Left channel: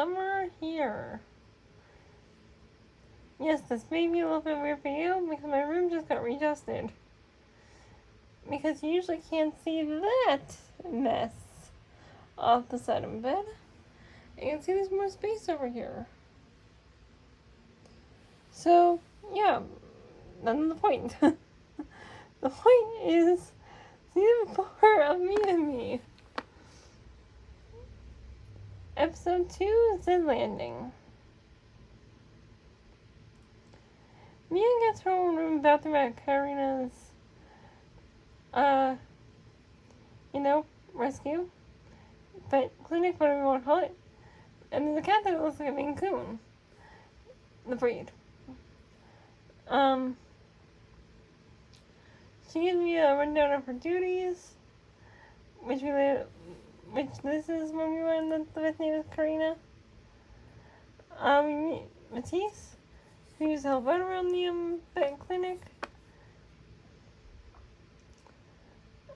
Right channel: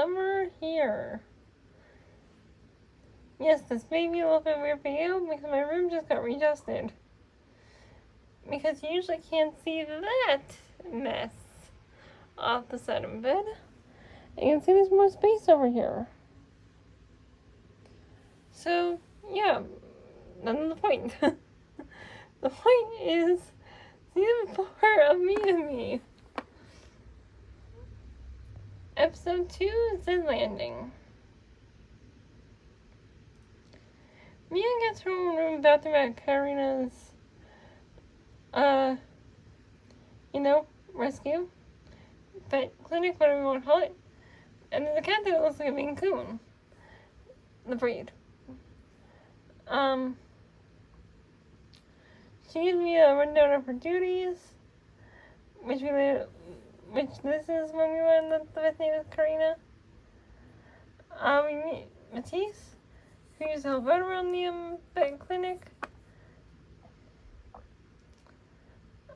somewhere here. Yes, this may be a little bit weird for you because my room just got readjusted. Because you usually can't see that mess off the side of the bed. And you can see there's more space over here. So, yeah, that's the point. The point is season 4 of Me and Me. Episode 2 is The Landing. Mia gets her own room bathroom at Karina's, rescue. Vet clinic, whatever you want to call it. And there's a cat that looks like a Maine Coon. The breed. She gives me a rundown of her duties, which this is when we learned that the vet's name is Karina. We meet Matisse, who used to help out around the vet clinic.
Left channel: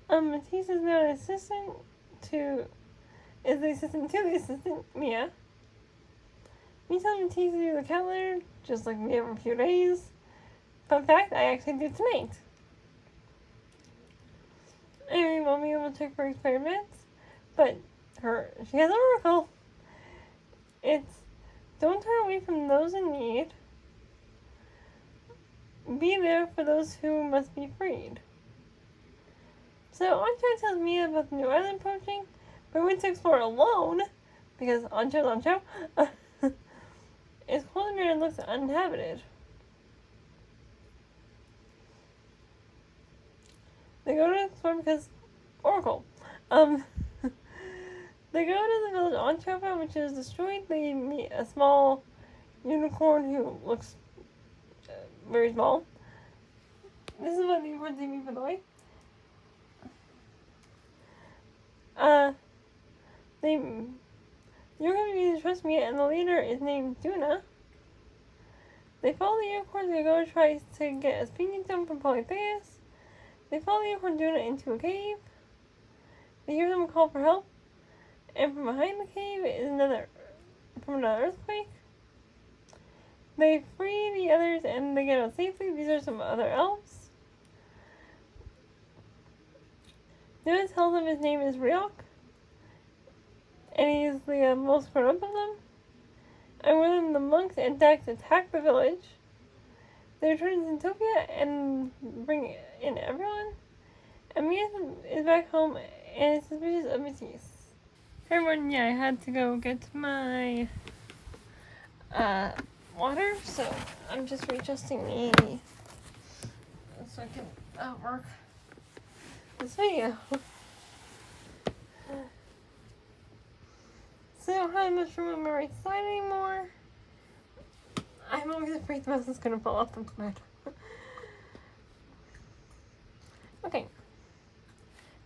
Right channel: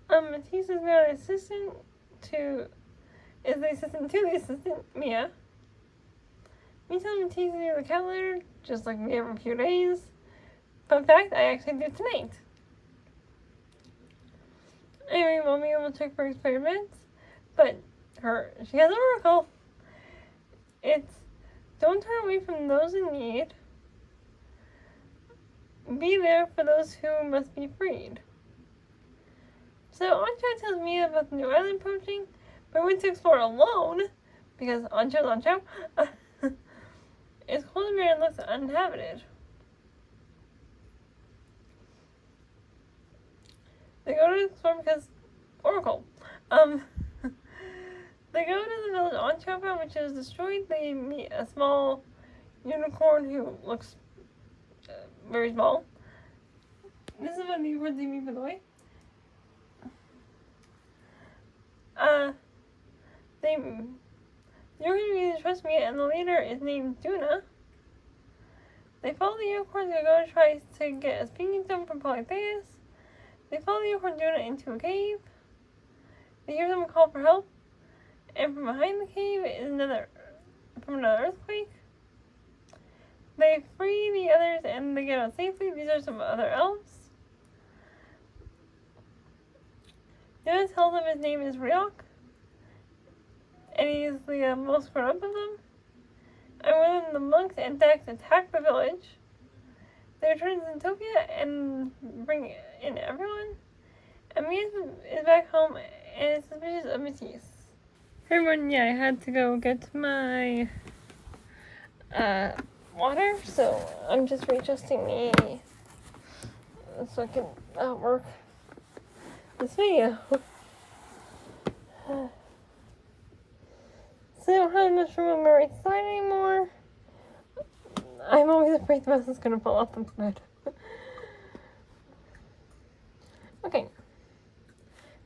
Matisse is now an assistant to the assistant, Mia. We tell Matisse to do the cat litter, just like we have a few days. Fun fact, I actually did tonight. Anyway, Mommy will check for expired meds, but she has an oracle. It's, don't turn away from those in need. Be there for those who must be freed. So Ancho tells Mia about the new island approaching, but went to explore alone, because Ancho, it's cold and looks uninhabited. They go to explore because Oracle. They go to the village on Chopra, which is destroyed. They meet a small unicorn who looks very small. This is what the unicorns meet, by the way. You're going to trust me, and the leader is named Duna. They follow the unicorns and go to try to get a speaking stone from Polytheus. They follow the unicorn Duna into a cave. They hear them call for help, and from behind the cave is another earthquake. They free the others and they get out safely. These are some other elves. Duna tells them his name is Ryok, and he is the most grown up of them. And when the monks and Dax attack the village, they return to Zentopia and bring in everyone. And Mia is back home and is suspicious of Matisse. Hey everyone, yeah, I had to go get my water, so I'm just readjusting the so I can work this video. So I don't have much room on my right side anymore. I'm always afraid the mouse is gonna fall off the bed. Okay.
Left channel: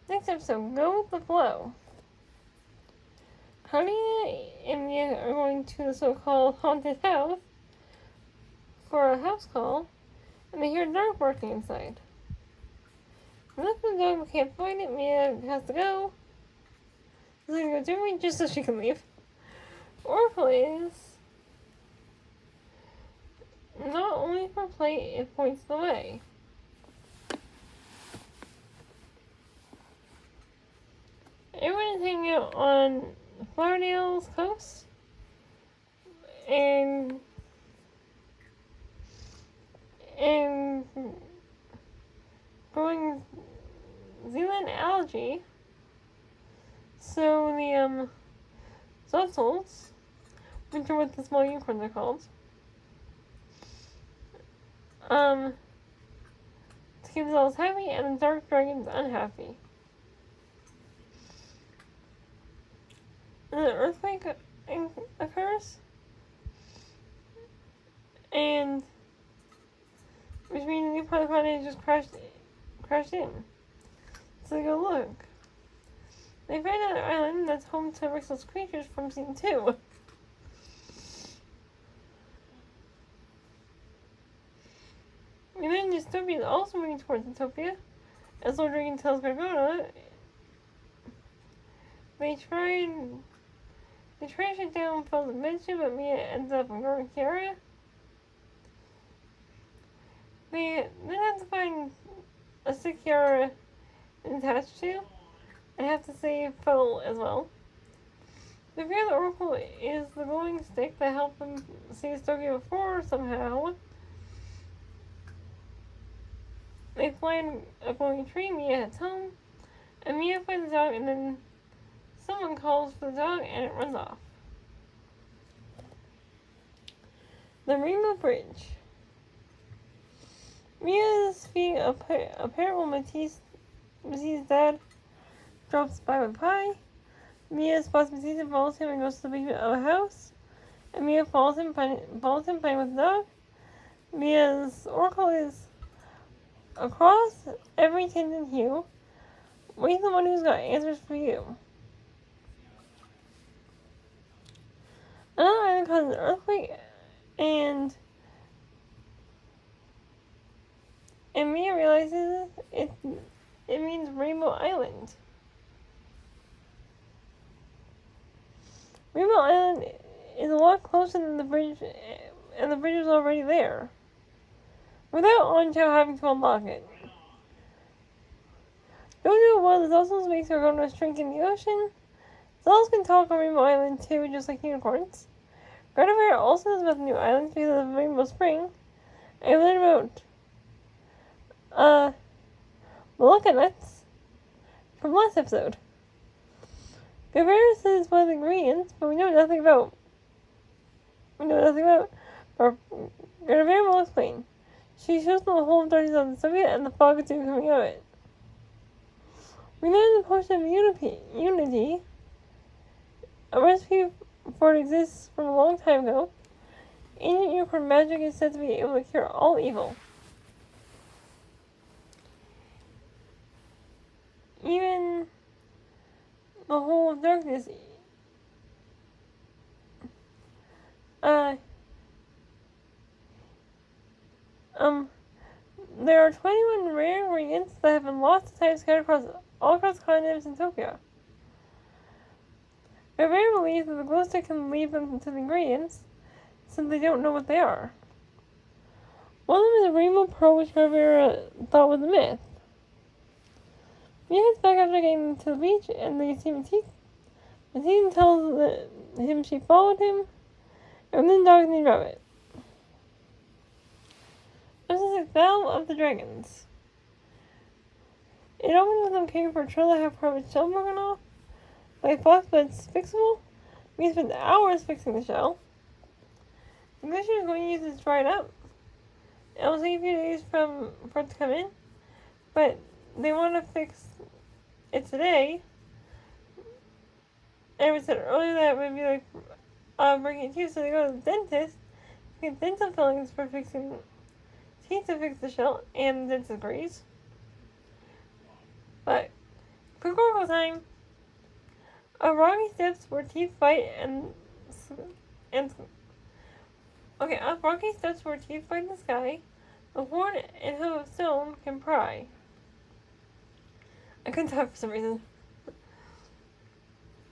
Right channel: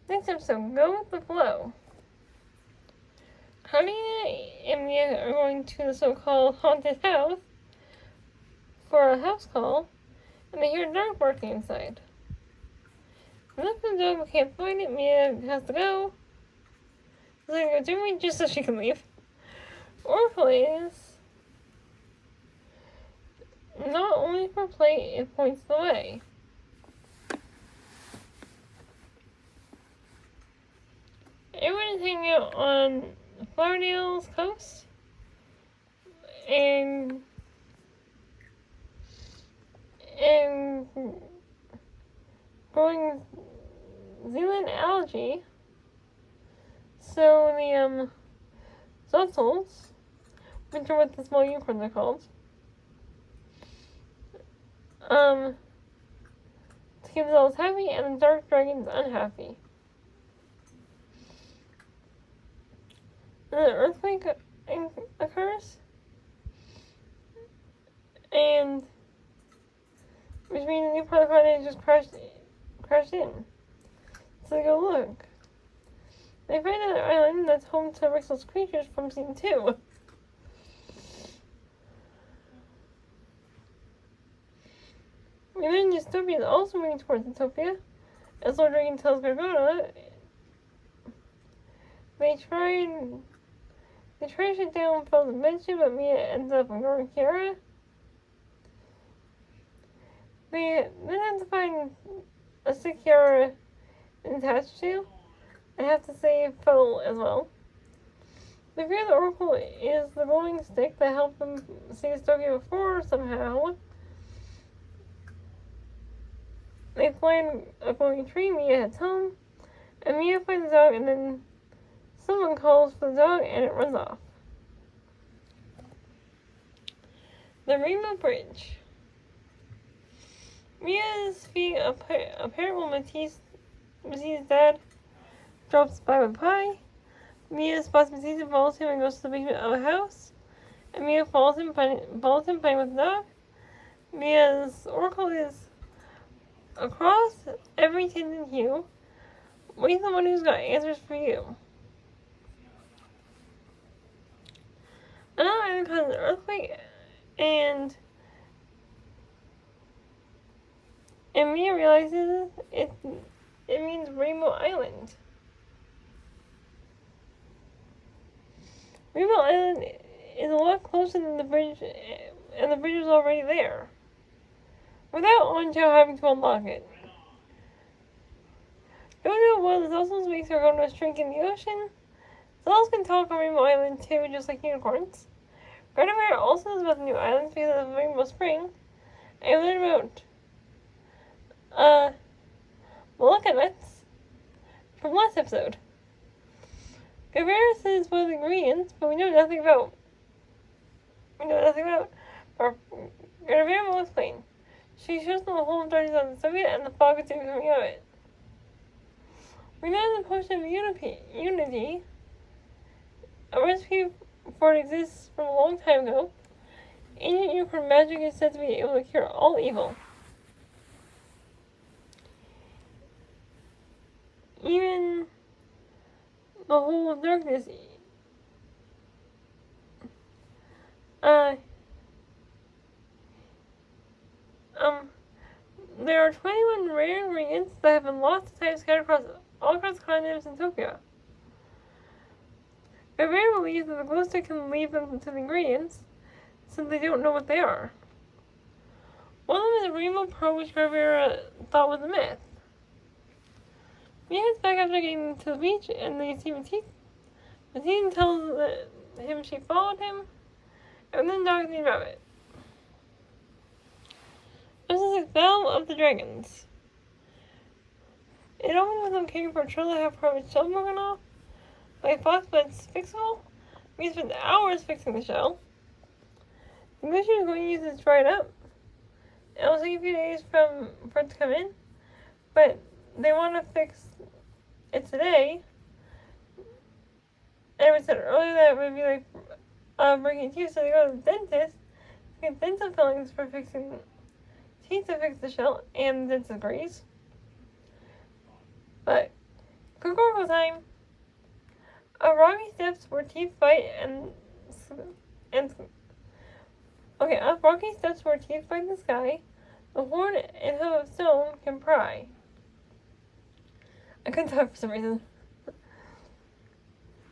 Next episode, go with the flow. Cardia and Mia are going to the so-called haunted house for a house call, and they hear a dog barking inside. Unless the dog can't find it, Mia has to go. She's gonna go do it just so she can leave. Or plays. Not only for play, it points the way. Everyone is hanging out on Flowerdale's coast and growing Zealand algae. So the Zutzels, which are what the small unicorns are called, to keep themselves happy, and the dark dragons unhappy. And an earthquake occurs, and which means the new part of the continent just crashed in. So they go look. They find another island that's home to Rixel's creatures from Scene 2. And then Dystopia is also moving towards Utopia. As Lord Dragon tells Gargona, they try and They trash it down from the mention, but Mia ends up ignoring Kiara. They then have to find a sick Kiara attached to, and have to save Phil as well. They figure the Oracle is the glowing stick that helped them save Tokyo before somehow. They find a glowing tree, Mia heads home, and Mia finds the dog, and then someone calls for the dog and it runs off. The Rainbow Bridge. Mia is feeding a parrot while Matisse's dad drops by with pie. Mia spots Matisse and follows him and goes to the basement of a house. And Mia follows him playing with the dog. Mia's oracle is across every tint and hue. Wait the one who's got answers for you. Another island causes an earthquake, and Mia realizes it means Rainbow Island. Rainbow Island is a lot closer than the bridge, and the bridge is already there, without Anjo having to unlock it. Jojo was also makes her go to a shrink in the ocean. Cells can talk on Rainbow Island too, just like unicorns. Gardevoir also knows about the new islands because of Rainbow Spring. I learned about Malacca nuts from last episode. Gardevoir says one of the ingredients, but we know nothing about. Or Gardevoir will explain. She shows them the whole of Darkness on the Soviet and the fog is coming out of it. We learned the potion of unity. A recipe for it exists from a long time ago. Ancient unicorn magic is said to be able to cure all evil. Even the whole darkness. There are 21 rare ingredients that have been lost to time scattered all across continents in Tokyo. Gardevoir believes that the glow stick can lead them to the ingredients, since they don't know what they are. One of them is a rainbow pearl, which Gardevoir thought was a myth. Mia gets back after getting to the beach, and they see Matisse. Matisse tells him she followed him, and then dogs need rabbit. This is a Battle of the Dragons. It opens with them caring for a turtle that have part of its shell broken off by a fox, but it's fixable. We spent hours fixing the shell. The glacier is going to use it to dry it up. It will take a few days for it to come in, but they want to fix it today. And we said earlier that it would be like breaking teeth, so they go to the dentist to get dental fillings for fixing teeth to fix the shell, and the dentist agrees. But quick oracle time. Rocky steps where teeth fight up rocky steps where teeth fight in the sky, the horn and hoof of stone can pry. I couldn't talk for some reason.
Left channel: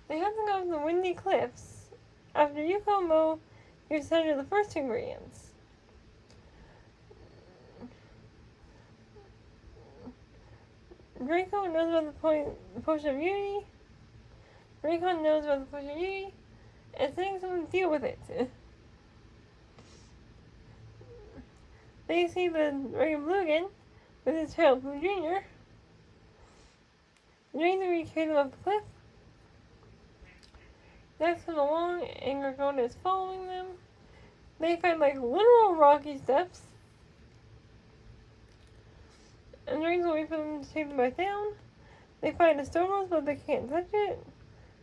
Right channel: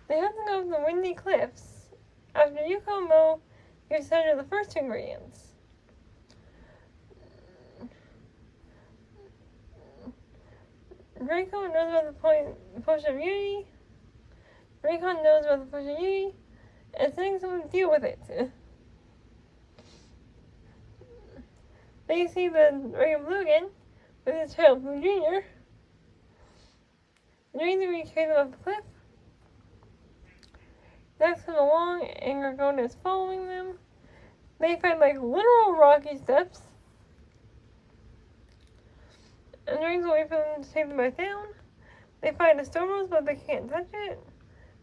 They have to go to the windy cliffs. After Yuko and Mo, you decided the first two ingredients. Draco knows about the potion of unity. Recon knows about the potion of unity, and sending someone to deal with it. They see the Dragon Blue again, with his child Blue Jr. The Dragons carry them up the cliff. Dax comes along, and Gargona is following them. They find literal rocky steps. And the Dragons wait for them to take them back down. They find a stone rose, but they can't touch it.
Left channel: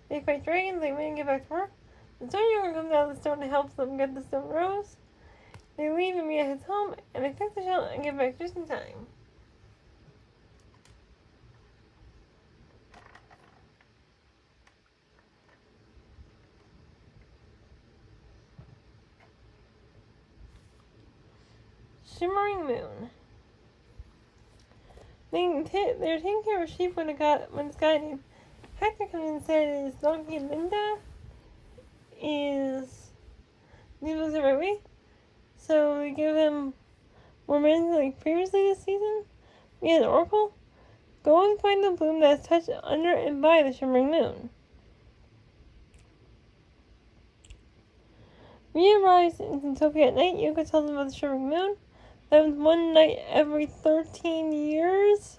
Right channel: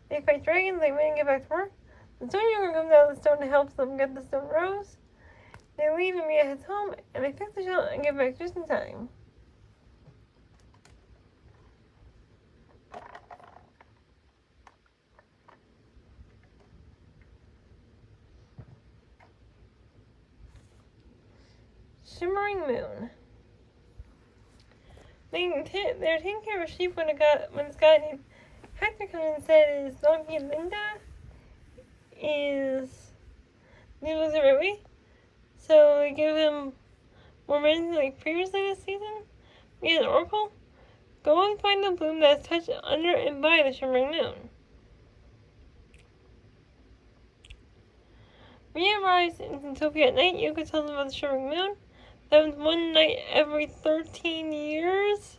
They fight dragons, they win and get back to work. The stone unicorn comes out of the stone and helps them get the stone rose. They leave and Mia heads home, and they fix the shell and get back just in time. Shimmering Moon. They're taking care of sheep when this guy named Hector comes in and says, "Donkey Linda they give him more minutes like previously this season? Mia and Oracle? Go and find the bloom that is touched under and by the shimmering moon. Mia arrives in Zootopia at night. Yoko tells them about the shimmering moon. That happens one night every 13 years.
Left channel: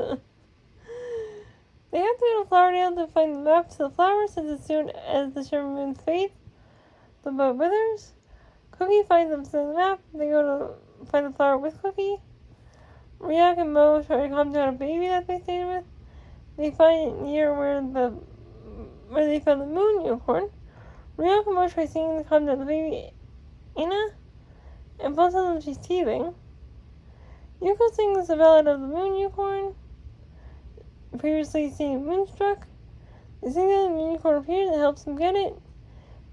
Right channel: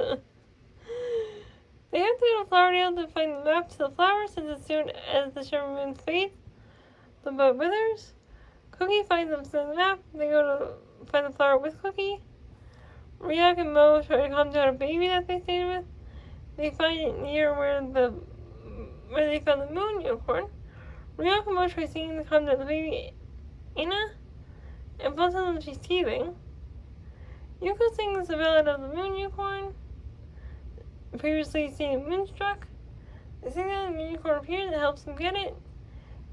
They have to go to Flowerdale to find the map to the flower, since as soon as the shimmering moon fades, the bud withers. Cookie finds them to the map. They go to find the flower with Cookie. Ryuk and Mo try to calm down a baby that they stayed with. They find it near where they found the moon unicorn. Ryuk and Mo try singing to calm down the baby, Ina, and both of them she's teething. Yuko sings the ballad of the moon unicorn, previously seen Moonstruck. They sing that the moon unicorn appears and helps them get it.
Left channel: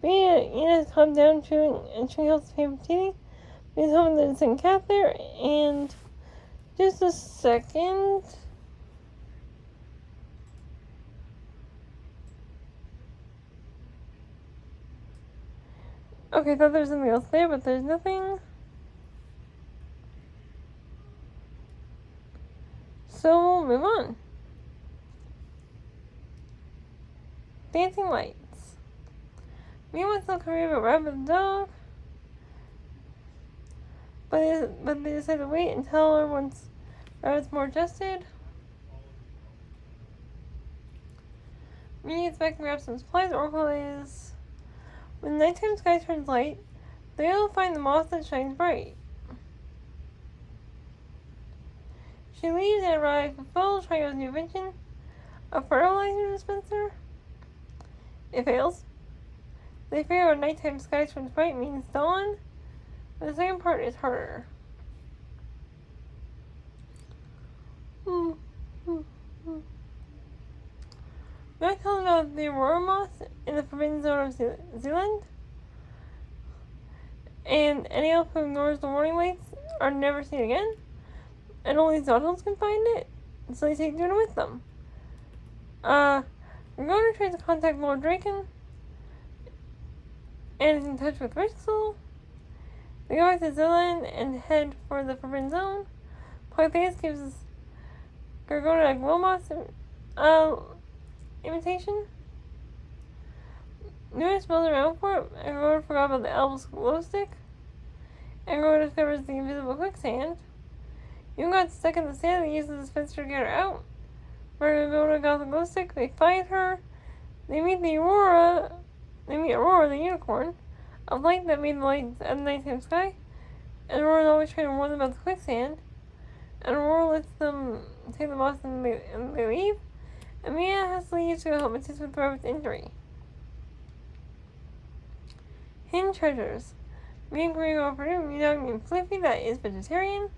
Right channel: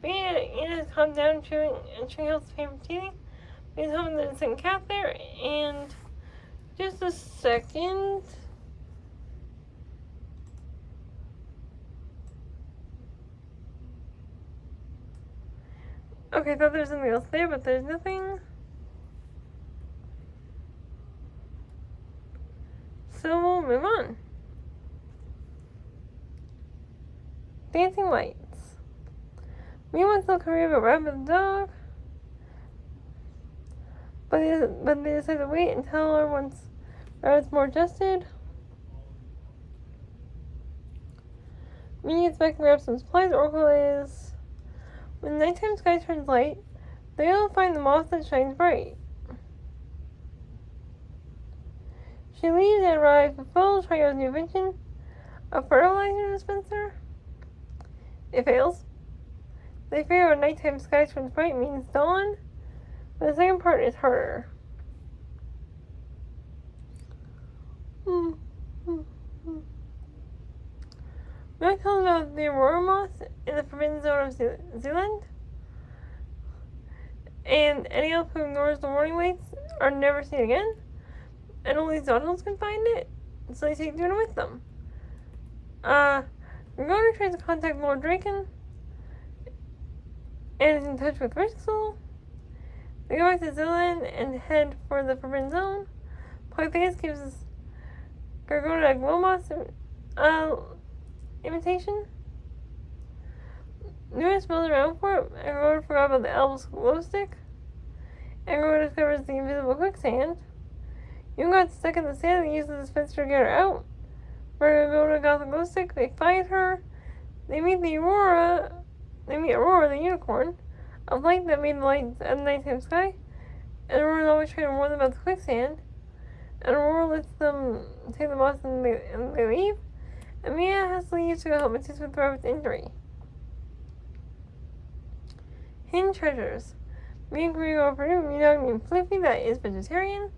Ina has calmed down chewing, and she helps the baby teething. He's home with the second cat there, and just a second. Okay, I thought there was something else there, but there's nothing. So we'll move on. Dancing lights. Me wants to career of a rabbit dog, but they decide to wait until everyone's rabbit's more adjusted. Me is back to grab some supplies. Oracle is. When the nighttime sky turns light, they'll find the moth that shines bright. She leaves and arrives with full Trio's new invention, a fertilizer dispenser. It fails. They figure out nighttime sky turns bright means dawn, but the second part is harder. Mac tells about the Aurora moth in the forbidden zone of Zealand, and any elf who ignores the warning lights are never seen again, and only Zottles can find it, so they take Duna with them. Gorgona tries to contact Lord Draken, and is in touch with Rixel. They go back to Zealand and head for the forbidden zone. Polytheus gives Gorgona a Glowmoth imitation. Nuna smells around for it, and Gorgona forgot about the elves' glow stick. And Gorgona discovers the invisible quicksand. Yoon got stuck in the sand and uses the dispenser to get her out. Where Gorgona got the glow stick, they find her. They meet Aurora the unicorn, a light that made the lights at the nighttime sky. And Aurora's always trying to warn them about the quicksand. And Aurora lets them take the moth and they leave. And Mia has to leave to go help assist with Rabbit's injury. Hidden treasures. Mia and Korea go for a new dog named Flippy that is vegetarian,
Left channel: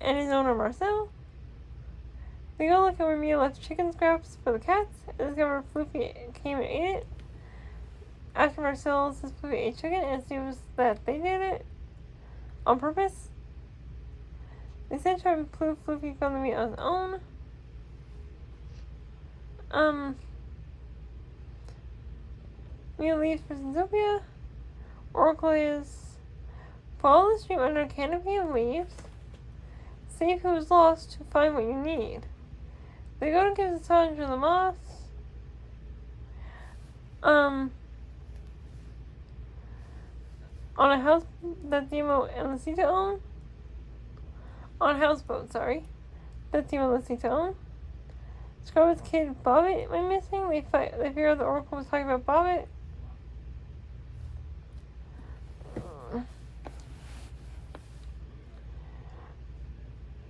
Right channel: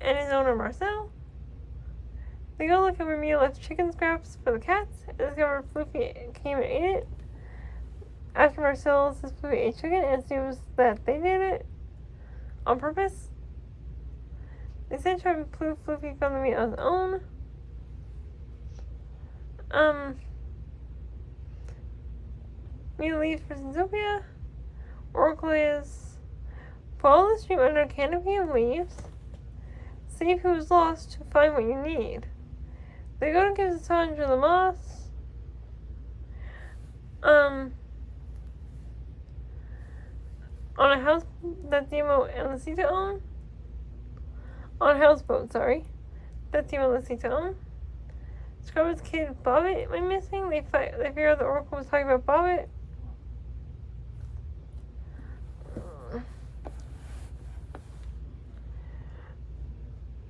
and his owner Marcel. They go look at where Mia left chicken scraps for the cats, and discover Flippy came and ate it. After Marcel says Flippy ate chicken and assumes that they did it on purpose. They said try to prove Flippy found the meat on his own. Mia leaves for Zootopia. Oracle is follow the stream under a canopy of leaves. Save who is lost to find what you need. They go to give the challenge to the moths. On a house that Demo and Lucita own. On a houseboat, sorry. That Demo and Lucita own. Scrubber's kid Bobbit went missing. They figure out the Oracle was talking about Bobbit.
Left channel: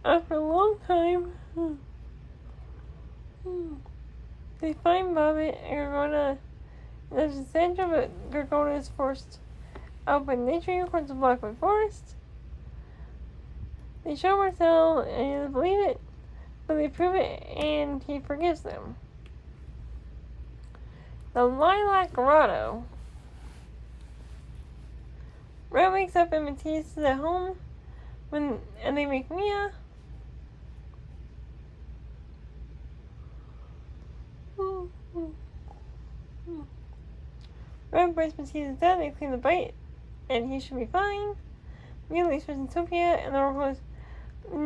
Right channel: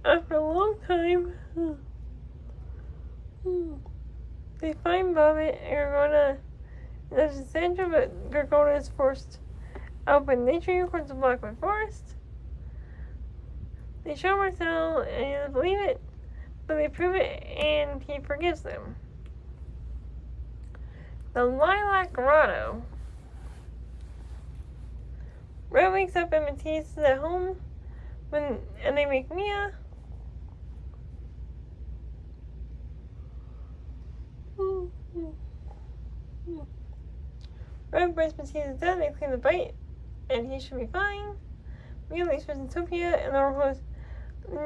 After a long time, they find Bobbit and Gorgona. There's a Sandra, but Gorgona is forced out by nature unicorns of Blackwood Forest. They show Marcel and he doesn't believe it, but they prove it and he forgives them. The Lilac Grotto. Red wakes up and Matisse is at home and they make Mia. Red brings Matisse dead, they clean the bite and he should be fine. Mia leaves for Zootopia, and the Oracle is the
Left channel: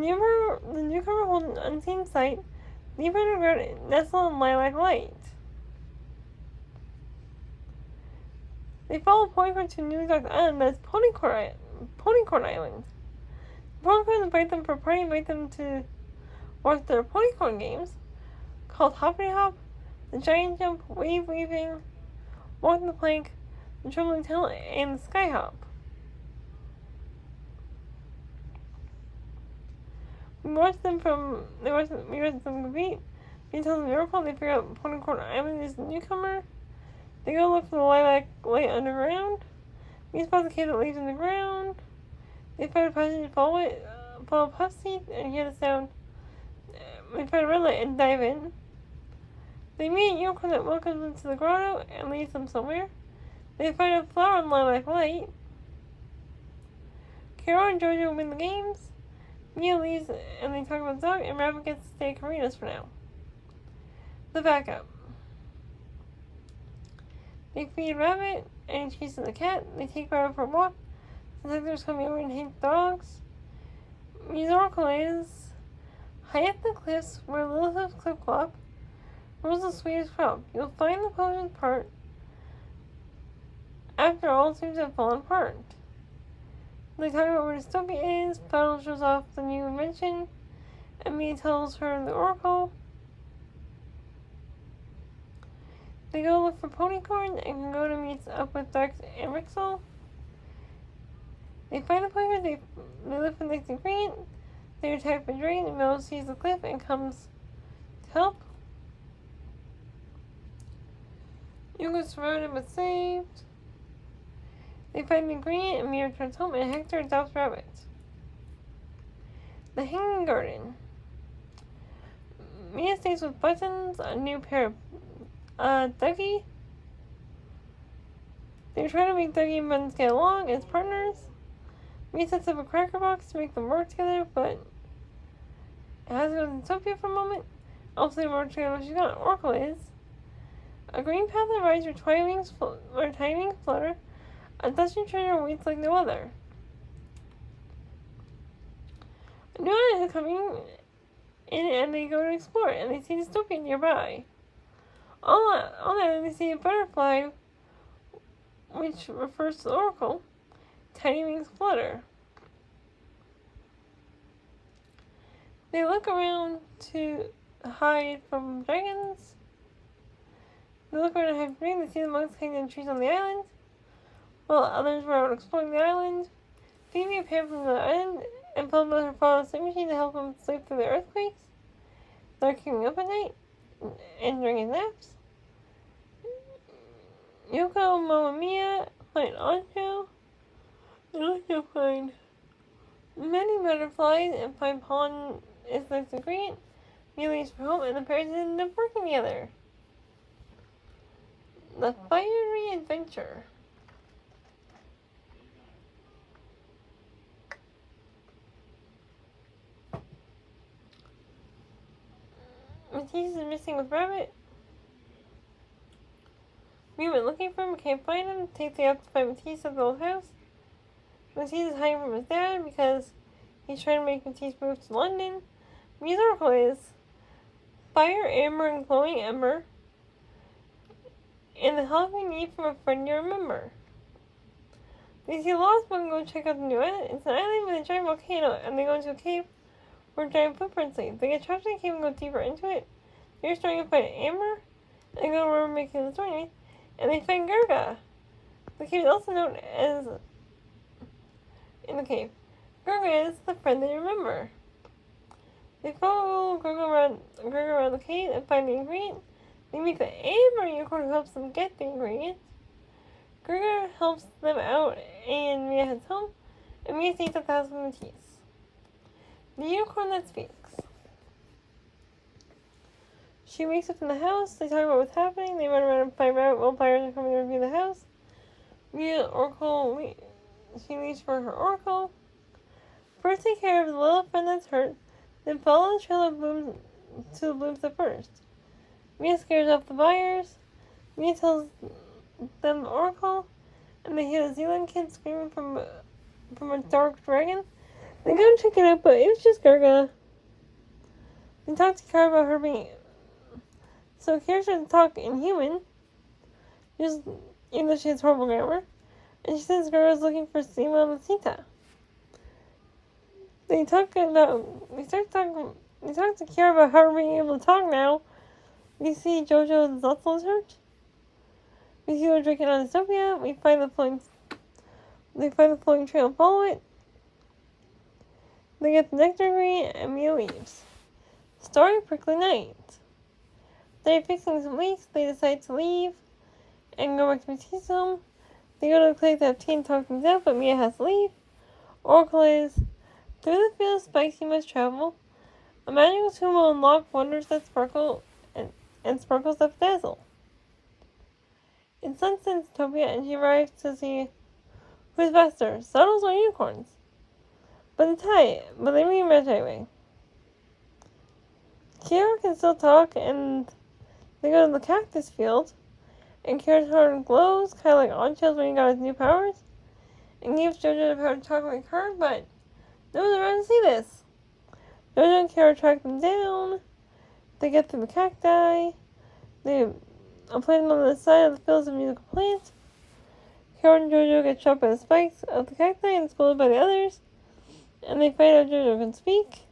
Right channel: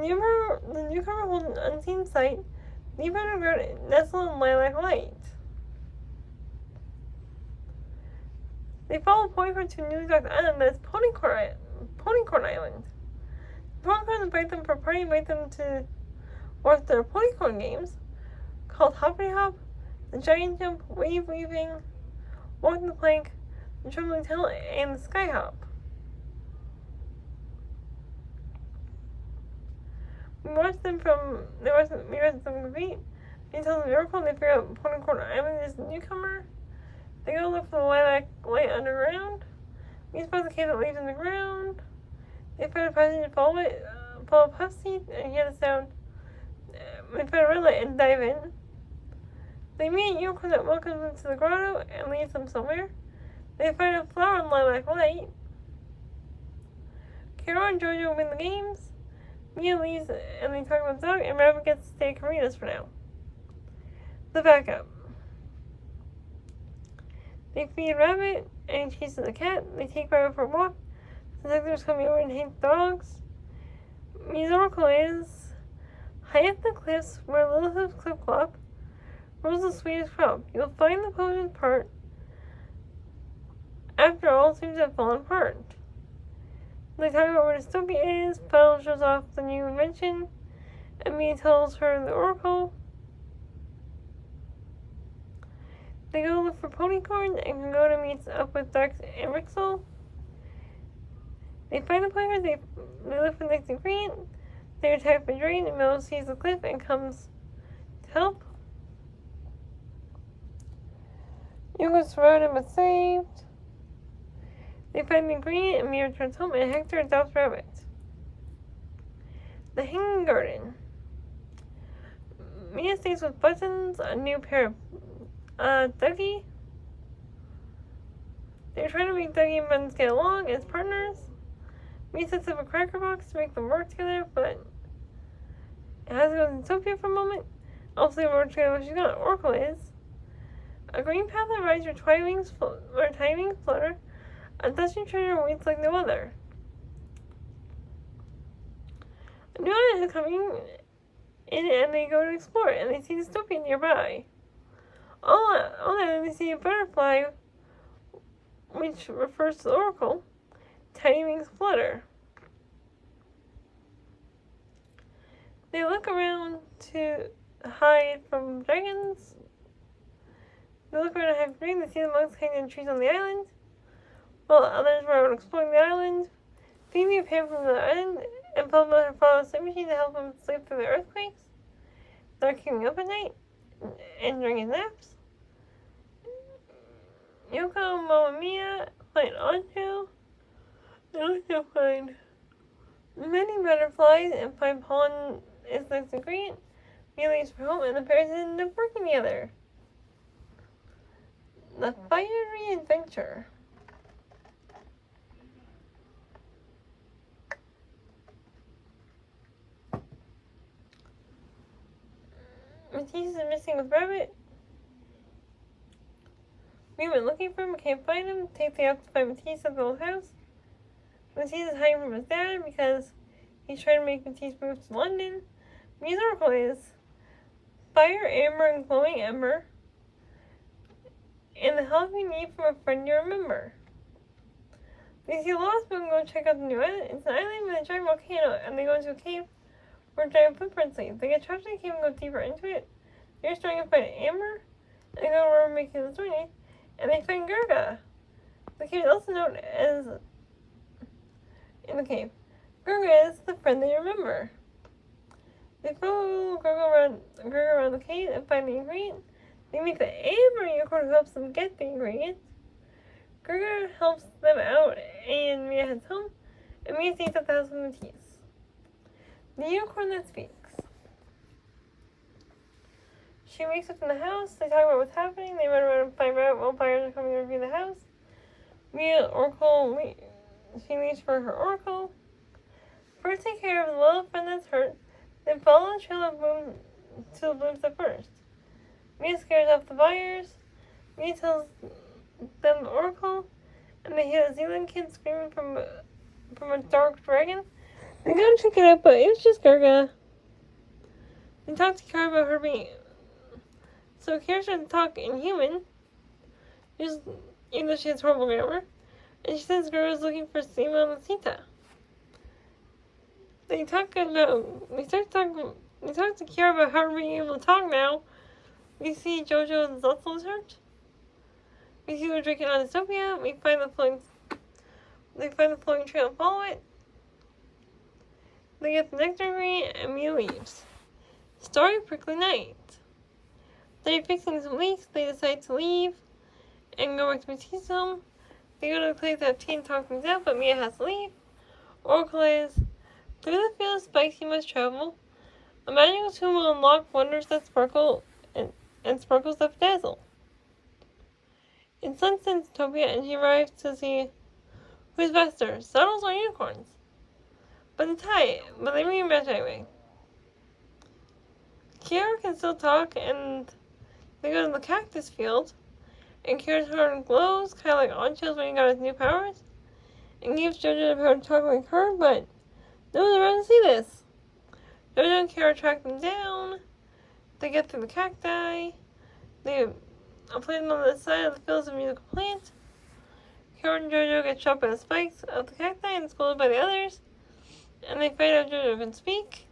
newcomer holds an unseen sight, deep underground, nestled in lilac light. They follow Ponycorn to a newly docked island that is Ponycorn Island. Ponycorn invite them for a party, invite them to watch their Ponycorn games called Hoppity Hop, the Giant Jump, Wave Weaving, Walking the Plank, the Trembling Tail, and the Sky Hop. We watch them compete. We tell them miracle. They figure out Ponycorn Island is the newcomer. They go look for the lilac light underground. We spot the cave that leads in the ground. They find a passage and follow puff seat and hear the sound. They find a red light and dive in. They meet a unicorn that welcomes them to the grotto and leads them somewhere. They find a flower in lilac light. Carol and Jojo win the games. Mia leaves and they talk about the dog, and Rabbit gets to stay at Karina's for now. The backup. They feed Rabbit and he chases the cat. They take Rabbit for a walk. The detectives coming over and hate dogs. Mia's oracle is high up the cliffs where Lilith's cliff clop grows the sweetest crop. You'll find the potion part after all seems to have fallen apart. They talk about where Dystopia is. Petal shows off the new invention. And Mia tells her the oracle. They go look for Ponycorn and can go to meet up with Dex and Rixel. They find the player. They look for the next ingredient. They attack by Drain, and Mel sees the cliff and comes to help. Yugo's surrounded but saved. They find the ingredient and Mia returns home, and Hector adopts Rabbit. The Hanging Garden. Mia stays with Buttons, a new pair of Dougie. They're trying to make Dougie and Buttons get along as partners. Mia sets up a cracker box to make them work together, but it has to go to Zootopia for a moment. Also, they work together when she's gone. Oracle is a green path that rides where tiny wings flutter. A dusty treasure waits like no other. A new island is coming in, and they go to explore it, and they see Dystopia nearby. All that, they see a butterfly, which refers to the oracle. Tiny wings flutter. They look around to hide from dragons. They look around to hide from dragons. They see the monks hanging in trees on the island, while others were out exploring the island. Phoebe appeared from the island and pulled her father's sleep machine to help him sleep through the earthquakes. They're keeping up at night and during his naps. Yoko, Mo, and Mia find Anju. They also find many butterflies and find pollen is the ingredient. Mia leaves for home, and the pairs end up working together. The Fiery Adventure. Matisse is missing with Rabbit. We went looking for him, can't find him. Take the up to find Matisse at the old house. Matisse is hiding from his dad because he's trying to make Matisse move to London. Mia's oracle is fire, amber, and glowing ember, and the help you need from a friend you remember. They see a lost book and go check out the new island. It's an island with a giant volcano, and they go into a cave where giant footprints lead. They get trapped in the cave and go deeper into it. They're starting to find amber, and go where we're making the story, and they find Gurga. The cave is also known as in the cave. Gurga is the friend they remember. They follow Gurga around the cave and find the ingredient. They meet the amber unicorn who helps them get the ingredient. Gurga helps them out, and Mia heads home, and Mia stays at the house with Matisse. The unicorn that speaks. She wakes up in the house. They talk about what's happening. They run around and find Rabbit while buyers are coming to review the house. Mia she leaves for her oracle. First, take care of the little friend that's hurt. Then follow the trail of blooms to the blooms that burst. Mia scares off the buyers. Mia tells them the oracle, and they hear the Zealand kid screaming from from a dark dragon. They go and check it out, but it was just Garga. They talked to Kara about her being. So Kara started to talk in human, just even though she has horrible grammar, and she says Garga's looking for Seema Masita. They start talking. They talk to Kara about how we're being able to talk now. We see JoJo's Lustful Church. We see her drinking on Dystopia. We find the floating trail and follow it. They get the nectar green and Mia leaves. Starry prickly night. They're fixing some leaks. They decide to leave and go back to Matisse. They go to the place to have tea and talk things out, but Mia has to leave. Oracle is through the field of spikes you must travel. A magical tomb will unlock wonders that sparkle and sparkles that dazzle. In Sunset's Utopia, and she arrives to see who's faster, saddles or unicorns. But they rematch anyway. Kira can still talk, and they go to the cactus field, and Kira's heart glows, kind of like Onchill's when he got his new powers, and gives JoJo the power to talk like her, but no one's around to see this. JoJo and Kira track them down. They get through the cacti. They are planting on the side of the fields of musical plants. Kira and JoJo get shot by the spikes of the cacti and scolded by the others. And they find out JoJo can speak.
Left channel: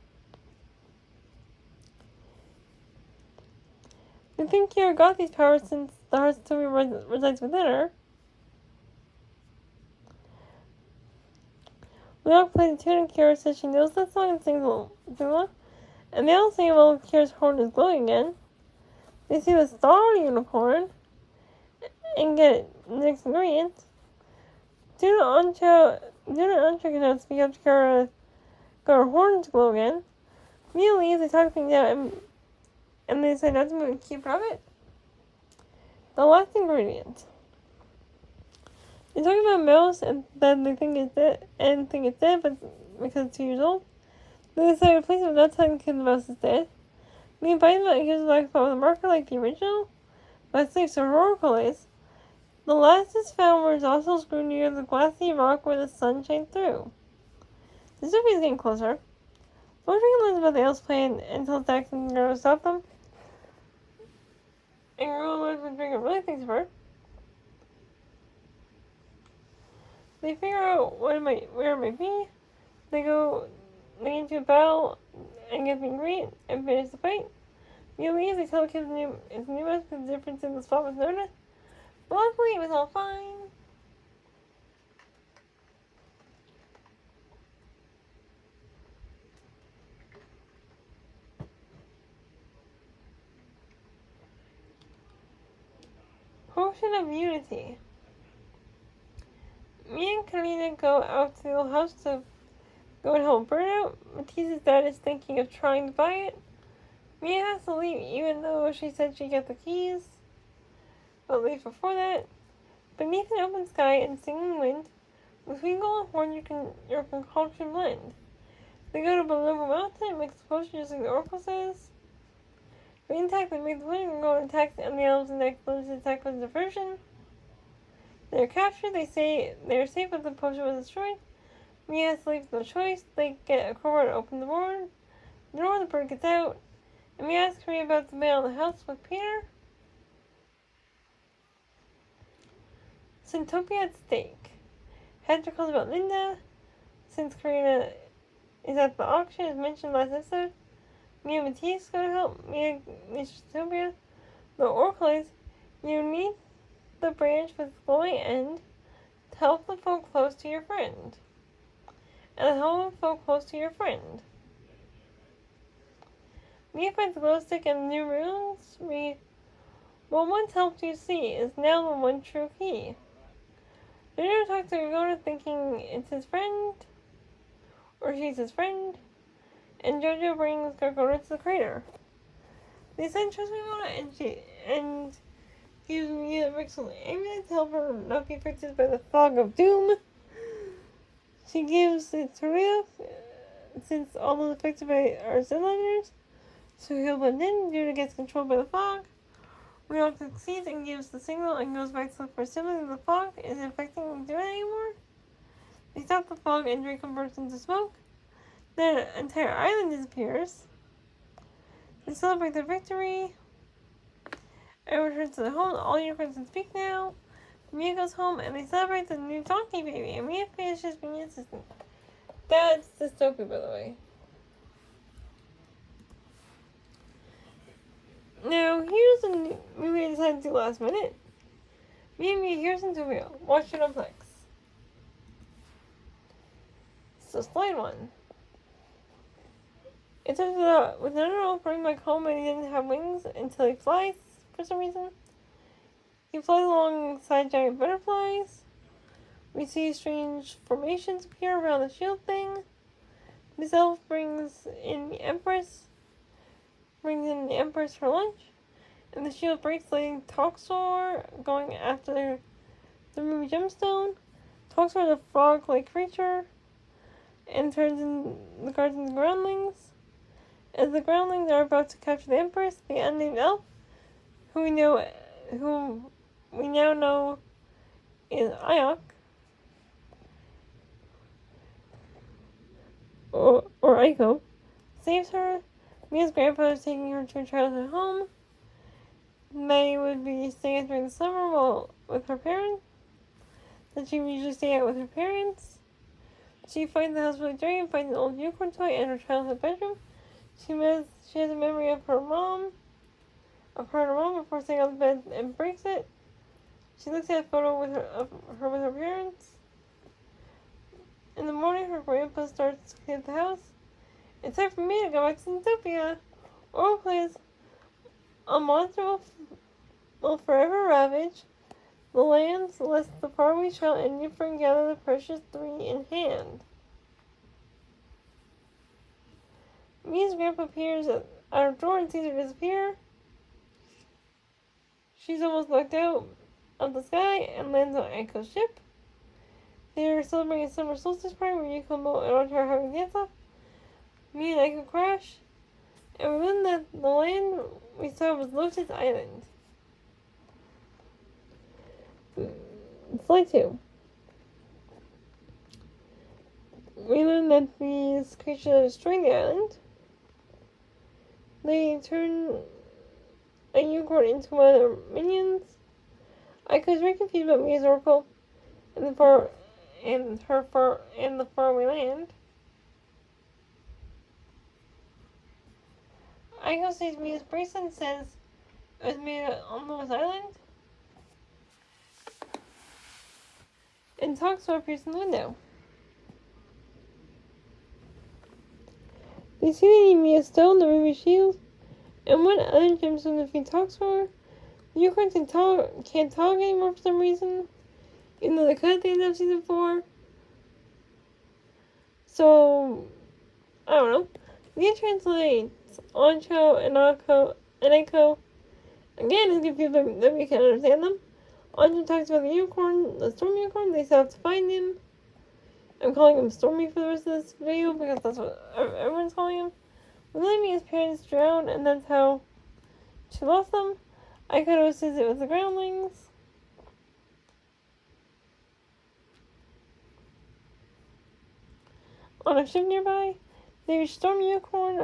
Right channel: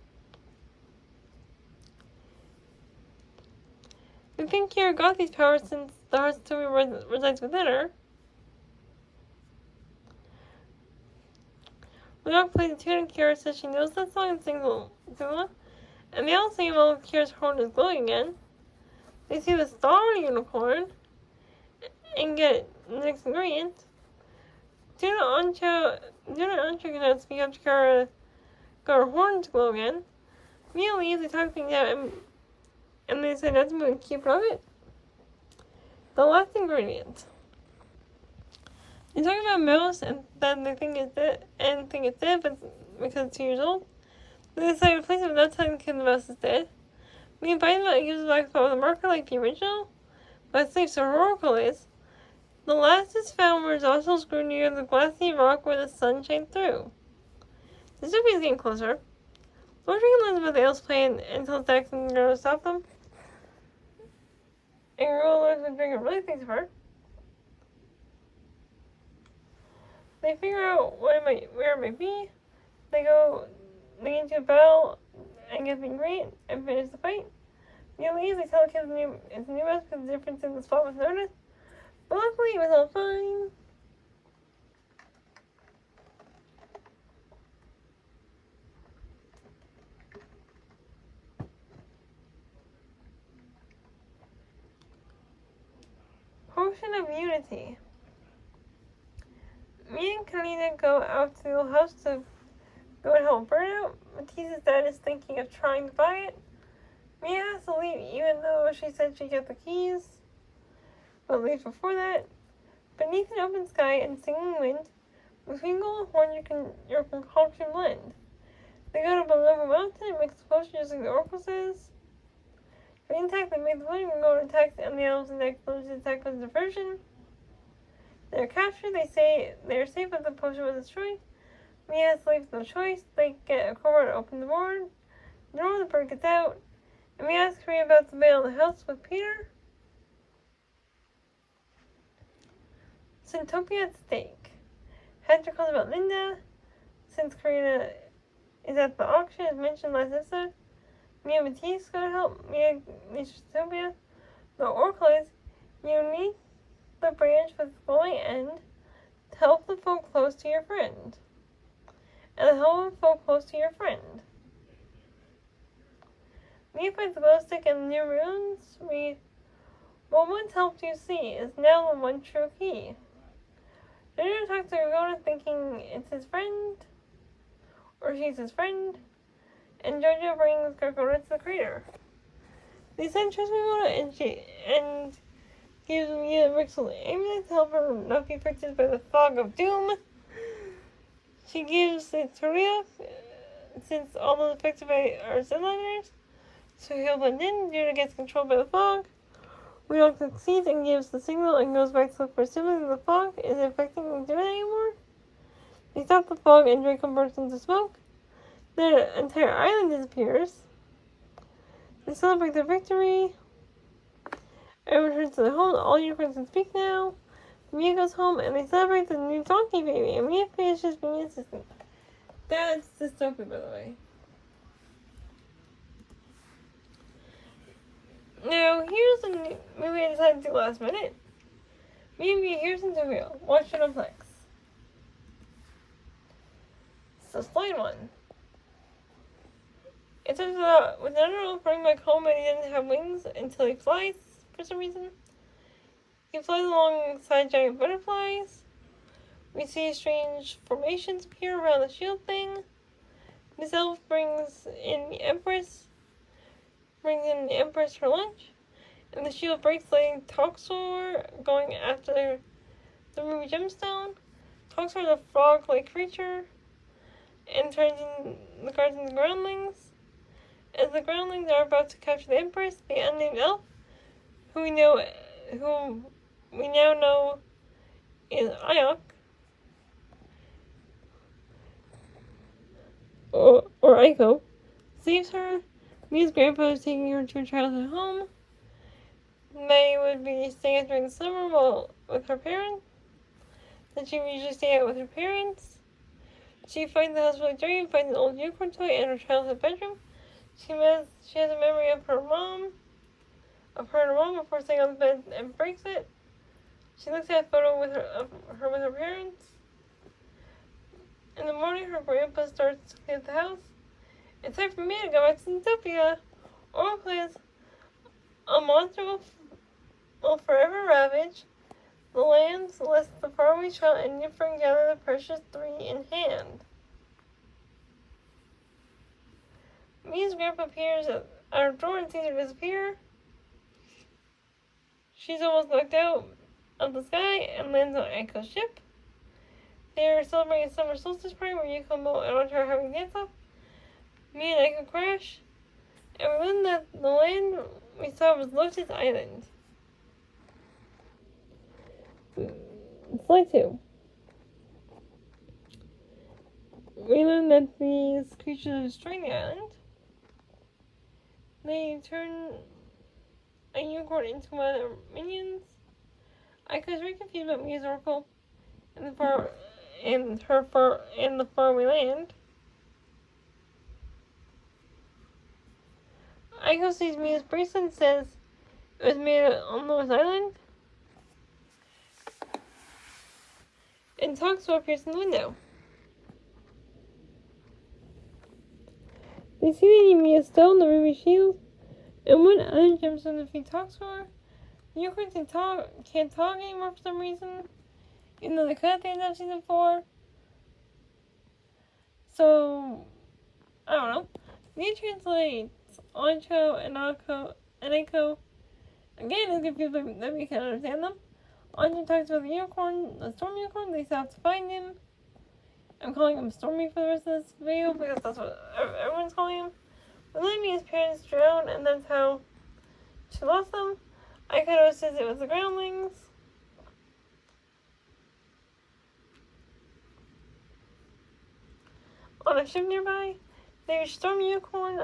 They think Kira got these powers since the heart still resides within her. We all play the tune and Kira says she knows that song and sings Zula. And they all sing it while Kira's horn is glowing again. They see the star unicorn and get the next ingredient. Duna Ancho cannot speak up to Kira, got her horn to glow again. Mia leaves, they talk things out, and they decide not to move and keep it. The last ingredient. They talk about Mouse, and then they think it's dead, but because it's 2 years old. They decide to replace it without telling the kid the mouse is dead. Me bites it and gives it back with a marker like the original, but it's safe, so her oracle is. The last is found where Zossel grew near the glassy rock where the sun shines through. The Sophie is getting closer. Lord Dragon learns about the elves' plan and tells Dax and Girl to stop them. And Girl learns what Dragon really thinks of her. They figure out where it might be. They get into a battle and get the ingredient and finish the fight. Mia leaves, they tell the kids it's a new mouse because the difference in the spot was noticed. But luckily it was all fine. Potion of Unity. Me and Kalina go out to the old house to go and help Burnout. Matisse's dad is thinking of trying to buy it. Mia has to leave even though she said she'd get the keys. But leave before that. Beneath an open sky and singing wind, with Wingle and Horn your concoction blend. They go to Below Mountain and mix the potion just like the Oracle says. Green attack, they make the wind and go attack and the elves and the explosion attack was diversion. They're captured, they say they are safe but the potion was destroyed. Mia has to leave no choice, they get a crowbar to open the door. The bird gets out, and Mia asks Karina about the mail in the house with Peter. Syntopia at stake. Hector calls about Linda. Since Karina is at the auction, as mentioned last episode, Mia and Matisse go to help Mia reach Syntopia. The oracle is, you need the branch with the glowing end to help the folk close to your friend. And help the folk close to your friend. Mia finds the glow stick and new runes. What once helped you see is now the one true key. Jojo talks to Gargona thinking it's his friend, or she's his friend, and Jojo brings Gargona to the crater. They send trust Gargona and gives Mia a Rixel amulet to help her not be affected by the fog of doom. She gives it to Ria, since all those affected by are Zedliners, so he'll blend in. Judah gets controlled by the fog. Ria succeeds and gives the signal and goes back to look for a sibling in the fog. Is it affecting Judah anymore? They stop the fog and Draco bursts into smoke. Then an entire island disappears. They celebrate their victory. Everyone returns to their home. All unicorns can speak now. Mia goes home and they celebrate the new donkey baby. And Mia finishes being an assistant. That's dystopia, by the way. Now, here's a movie I decided to do last minute. Me and Mia, here's in Tokyo. Watch it on Plex. So, slide 1. It turns out with Netero bring back home and he didn't have wings until he flies for some reason. He flies alongside giant butterflies. We see strange formations appear around the shield thing. This elf brings in the Empress for lunch. And the shield breaks, letting Toxor going after the ruby gemstone. Toxor is a frog-like creature and turns in the guards into groundlings. As the groundlings are about to capture the Empress, the unnamed elf, who we now know is Ayok, or Aiko, saves her. Mia's grandpa is taking her to her childhood home. May would be staying during the summer with her parents. That she would usually stay out with her parents. She finds the house really dirty and finds an old unicorn toy in her childhood bedroom. She has a memory of her and her mom before staying on the bed and breaks it. She looks at a photo of her with her parents. In the morning, her grandpa starts to clean up the house. It's time for me to go back to Zootopia. Or please, a monster will forever ravage the lands, lest the faraway child and new friend gather the precious 3 in hand. Mia's grandpa appears at our door and sees her disappear. She's almost knocked out of the sky and lands on Aiko's ship. They're celebrating a summer solstice party where Yuko, Mo, and Audrey are having a dance-off. Mia and Aiko crash, and we learn that the land we saw was Lotus Island. Slide 2. We learn that these creatures are destroying the island. They turn a unicorn into one of their minions. Aiko is very confused about Mia's oracle and the faraway land. Aiko sees Mia's bracelet and says it was made on Lotus Island. And Toxor appears in the window. They see that Mia's stone, the ruby shield, and one other gemstone defeat Toxor. The unicorns can't talk anymore for some reason, even though they could at the end of season 4. So, I don't know. Mia translates Ancho and Aiko. Again, it's confused that we can't understand them. Anjo talks about the storm unicorn. They still have to find him. I'm calling him Stormy for the rest of this video because that's what everyone's calling him. Mia's parents drowned, and that's how she lost them. Aiko says it was the groundlings. On a ship nearby, they reach the Storm Unicorn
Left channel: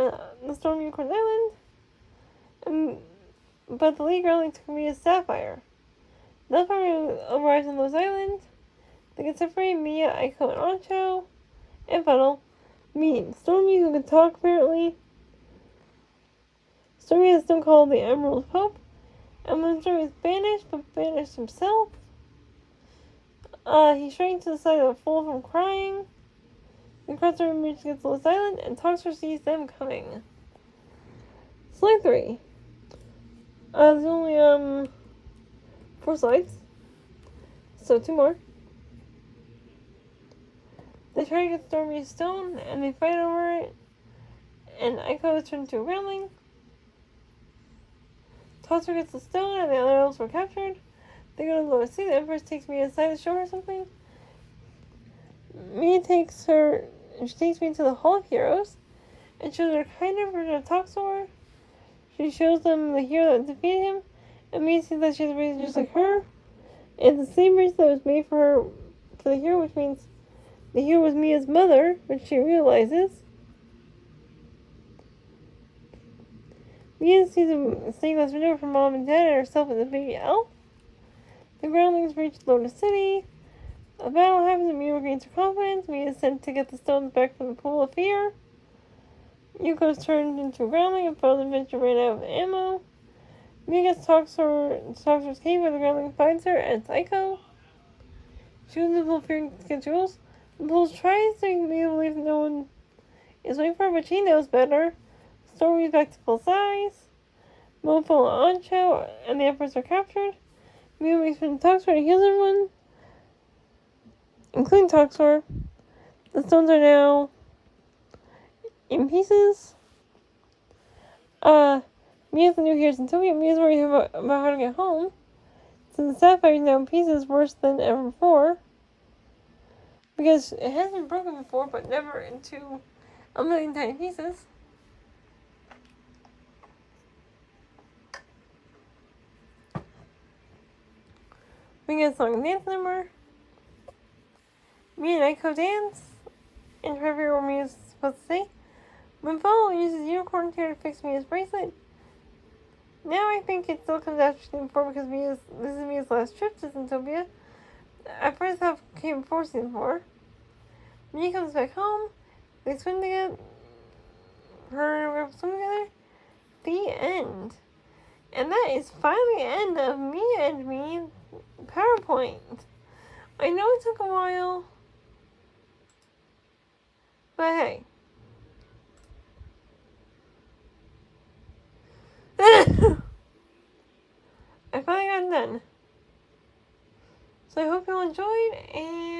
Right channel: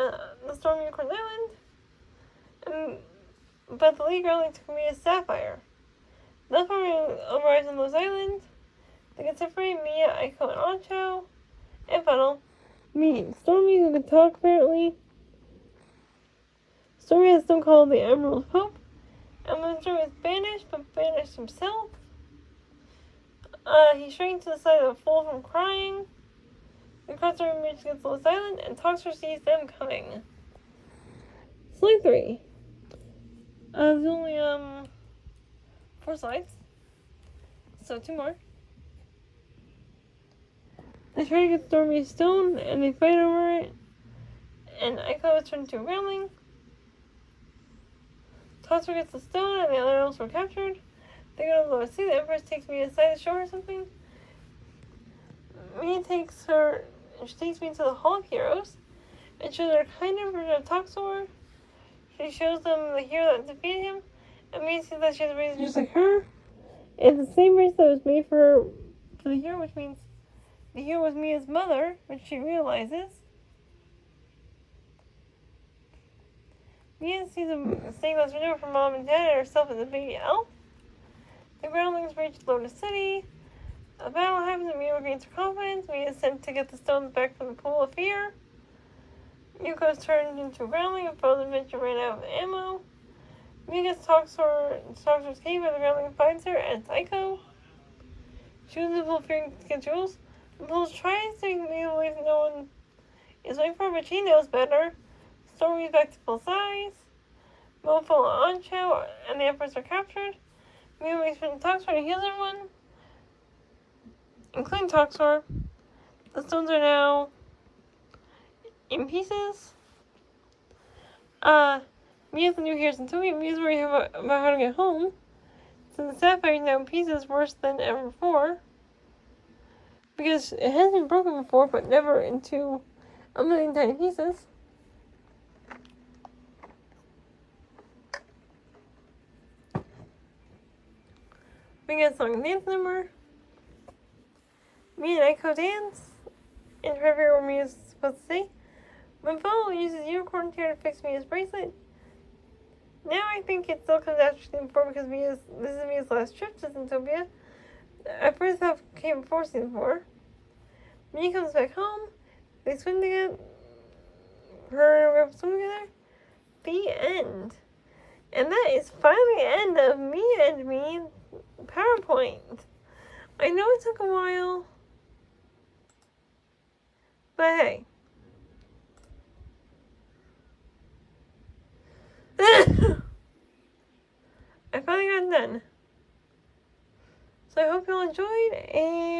Island, but the league only took Mia's sapphire. The farmer arrives on those islands. They can separate Mia, Aiko, and Ancho, and Funnel. Meet Stormy, who can talk apparently. Stormy has still called the Emerald Pope, and when Stormy is banished, but banished himself. He shrank to the size of a fool from crying. The crosser reaches against Lotus Island, and Toxor sees them coming. Slide 3. There's only 4 slides, so 2 more. They try to get Stormy's stone, and they fight over it, and Aiko is turned into a groundling. Toxor gets the stone, and the other elves were captured. They go to the Lower Sea. The Empress takes me aside to show her something. She takes me to the Hall of Heroes, and shows her a kind of version of Toxor. She shows them the hero that defeated him, and Mia sees that she has a bracelet just like her. It's the same bracelet that was made for the hero, which means The hero was Mia's mother, which she realizes. Mia sees a sequence video from mom and dad and herself as a baby elf. The groundlings reach Lotus City. A battle happens and Mia regains her confidence. Mia is sent to get the stones back from the Pool of Fear. Yuko is turned into a groundling and Frozen Adventure ran out of ammo. Mia gets Toxor's cave where the groundling finds her and Psycho. She was in the Pool of Fear to get jewels. The Pool tries to make Mia believe no one is waiting for her, but she knows better. The story is back to full size. Mofo and Ancho and the Empress are captured. Mia makes from Toxor to heal everyone, including Toxor. The stones are now in pieces. Mia's the new heroes in Tokyo. Mia's worried about how to get home. So the sapphire is now in pieces, worse than ever before. Because it has been broken before, but never into a million tiny pieces. We get a song and dance number. Mia and Aiko dance. And forever where Mia's supposed to stay. Mofo uses unicorn tear to fix Mia's bracelet. Now I think it still comes after season 4 because this is Mia's last trip to Zootopia. At first half came before season 4. Mia comes back home. They swim together. Her and swim together. The end. And that is finally the end of Mia and Me PowerPoint. I know it took a while. But hey. I finally got it done. So I hope you all enjoyed, and